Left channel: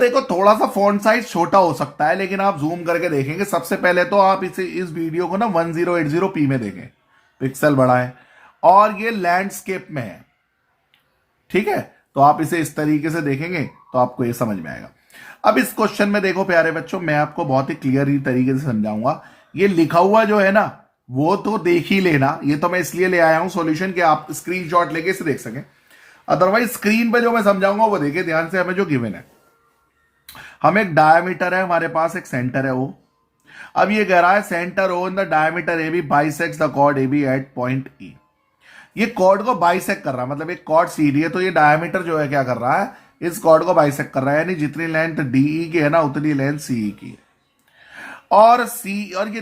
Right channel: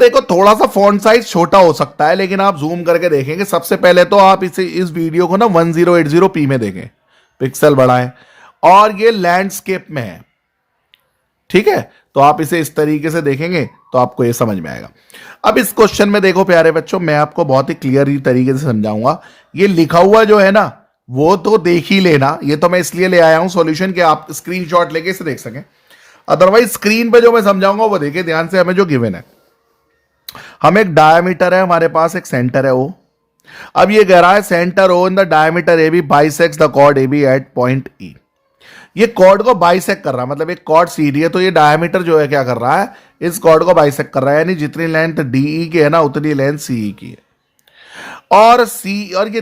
देखो थोड़ा सा फॉन्ट साइज छोटा हो सकता है, लेकिन आप जूम करके देखेंगे। सबसे पहले तो आप इस वीडियो को ना 1080p में देखें, पिक्सल बड़ा है और ये लैंडस्केप में है, ठीक है। तो आप इसे इस तरीके से देखेंगे तो आपको ये समझ में आएगा। अब इस क्वेश्चन में देखो प्यारे बच्चों, मैं आपको बहुत ही क्लियर तरीके से समझाऊंगा। ये लिखा हुआ जो है ना वो तो देख ही लेना, ये तो मैं इसलिए ले आया हूं सॉल्यूशन कि आप स्क्रीनशॉट लेके इसे देख सकें। अदरवाइज स्क्रीन पे जो मैं समझाऊंगा वो देखिए ध्यान से। हमें जो गिवन है, हम एक डायमीटर है हमारे पास, एक सेंटर है ओ। अब ये कह रहा है centre O in the diameter A B bisects the chord A B at point E. ये कॉर्ड को बाइसेक्ट कर रहा है, मतलब एक कॉर्ड सीधी है तो ये डायमीटर जो है क्या कर रहा है, इस कॉर्ड को बाइसेक्ट कर रहा है। यानी जितनी लेंथ डीई की है ना उतनी लेंथ सीई की है। और सी और ये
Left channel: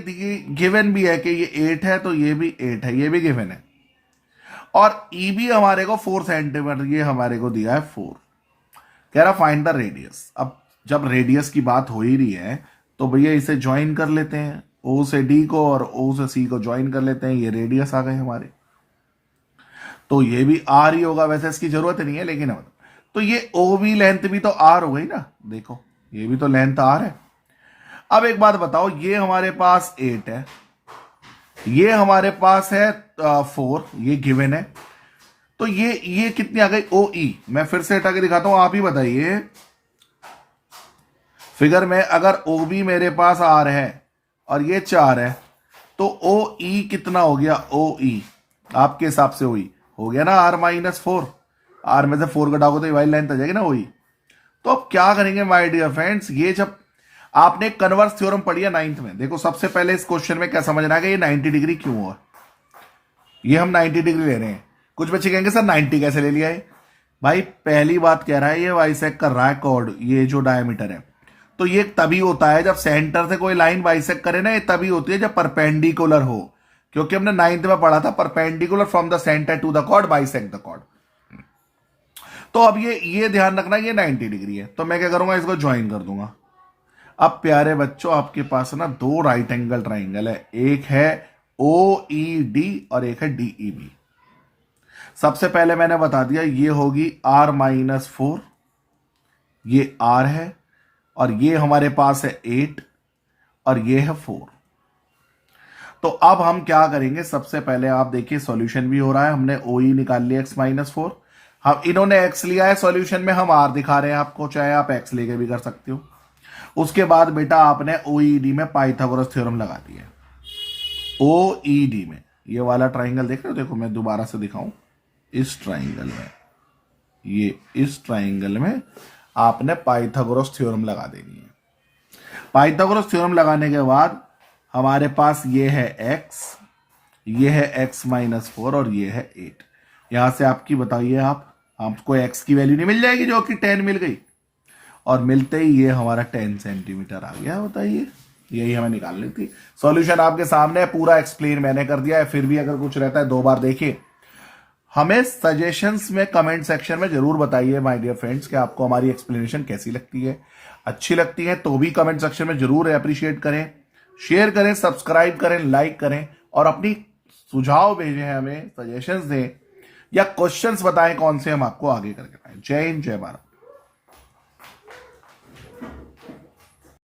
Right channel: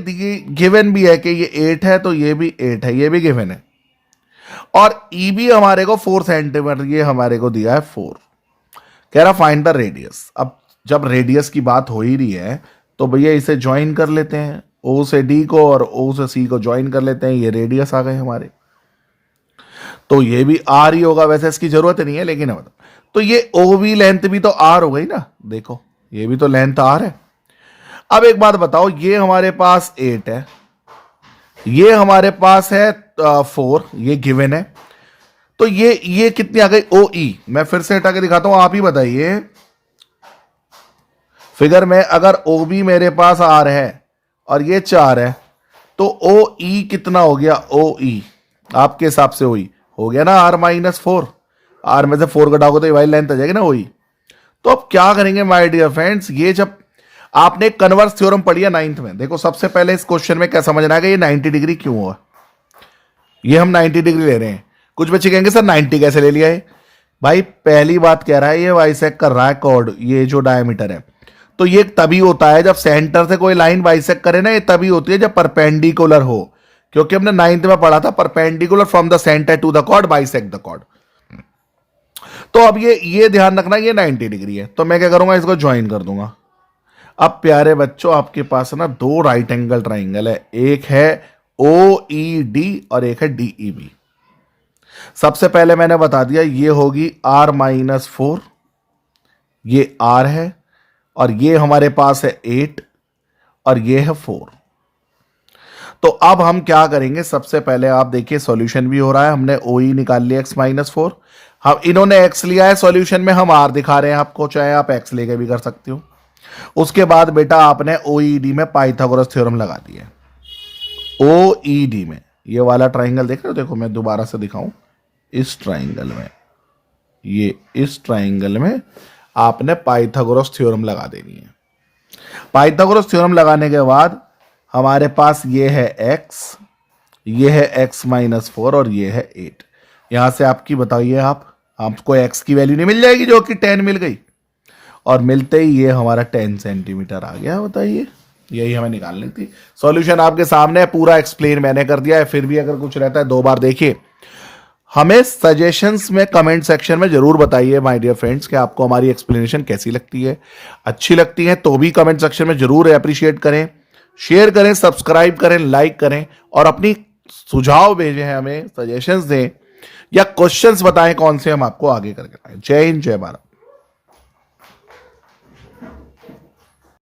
गिवन भी है कि ये 8 है तो ये भी 8 है, ये भी गिवन है। और ई भी हमारे को 4 सेंटीमीटर ये हमारे को दिया है 4। कह रहा फाइंड द रेडियस। अब जब रेडियस की बात हो ही रही है तो भैया इसे ज्वाइन कर लेते हैं, ओ से डी को और ओ से सी को ज्वाइन कर लेते हैं। ये रेडियस आ गए हमारे, तो ये भी आर ही होगा। वैसे इसकी जरूरत नहीं है लेकिन मतलब, तो ये ओ बी लेंथ भी तो आर हो गई ना, देखो ये भी तो लेंथ आर है। अब एक बात बताओ, ये हमारे पास 8 है, ये हमारे पास है 4, ये गिवन है। तो ये कितनी आ गई ओ ई। मैं फिर से हटा के दिखाता हूं, आप ही बताइए। फिगर में अगर ओ बी मेरे पास आर है और ये 4 है तो ओ ई कितना हो गया, ओ ई आपके हिसाब से ओ ई हो गया ना R-4। आर में से 4 घटाओगे तो ये वाली लेंथ आ जाएगी ना ओ ई। तो अब क्या करेंगे माय डियर फ्रेंड्स, ये जब आपने कन्वर्स थ्योरम पढ़ी है 9th में, देखो सबसे पहले इस क्वेश्चन में क्या समझना है कि ये 90 डिग्री क्यों हुआ। ये हम 90 डिग्री ले रहे हैं। कुछ बच्चे कहेंगे सर 90 कैसे ले लिया है। भाई पहली बात कह रहा है ये बाइसेक्ट कर रहा है कॉर्ड, ये जो डायमीटर है। तो ये तभी होता है जब सेंटर से कोई लाइन बाइसेक्ट करे ना, ये तभी होती है जब परपेंडिकुलर हो। क्योंकि हमने 9th में पढ़ा था perpendicular from the centre to the chord bisect the chord. तो अब ये ध्यान रखना ये 90 डिग्री है, तो मैं क्या करूंगा इसको ज्वाइन कर दूंगा। अब प्यारे बच्चों आपके पास ना 2 राइट एंगल ट्राइंगल है, एक है ओ ई डी और एक है डी ई बी। सबसे पहले मैंने बता दिया ये होगी R-4, ये R है और ये हमारे पास है 8 और ये है 4। तो अब हम क्या करेंगे, सबसे पहले आप देखिए सॉल्यूशन भी हो रहा है। हमने ओ ई निकाल लिया x-4, हम इन्होंने x लिया है सॉल्यूशन में, हम r दिखा रहे हैं आपको, चाहे आप x लेके भी कर सकते हो। उसके बाद बेटा आपने ओईडी में पाइथागोरस थ्योरम लगा दिया। ओईडी में ये वाला ट्राइंगल देख रहे हो, देखो मैं दोबारा से दिखाऊं, इस ट्राइंगल में, ये इस ट्राइंगल में आपने पाइथागोरस थ्योरम लगा देनी है। पाइथागोरस थ्योरम लगाने के बाद हमारे पास ये है x, ये है x-4 और ये है 8। यहां से आपकी बताइए आपको x की वैल्यू नहीं मिल जाएगी जो कि 10 मिल गई, और मिलते ही ये हमारा 10 सेंटीमीटर आ गया। बताइए यही हमें निकालनी थी। सॉल्यूशन आपके सामने है, पूरा एक्सप्लेन मैंने कर दिया है। फिर भी अगर कुछ रहता है 2 बार देखिए। हमें सजेशंस में कमेंट सेक्शन में जरूर बताइए माय डियर फ्रेंड्स कि आपको हमारी एक्सप्लेनेशन कैसी लगती है। अच्छी लगती है तो भी कमेंट सेक्शन में जरूर अप्रिशिएट करें, शेयर करें, सब्सक्राइब करें, लाइक करें और अपनी सुझाव भेजें, हमें सजेशंस दें या क्वेश्चंस बताएं कौन से हम आपको आगे करके लाएं। जय हिंद, जय भारत।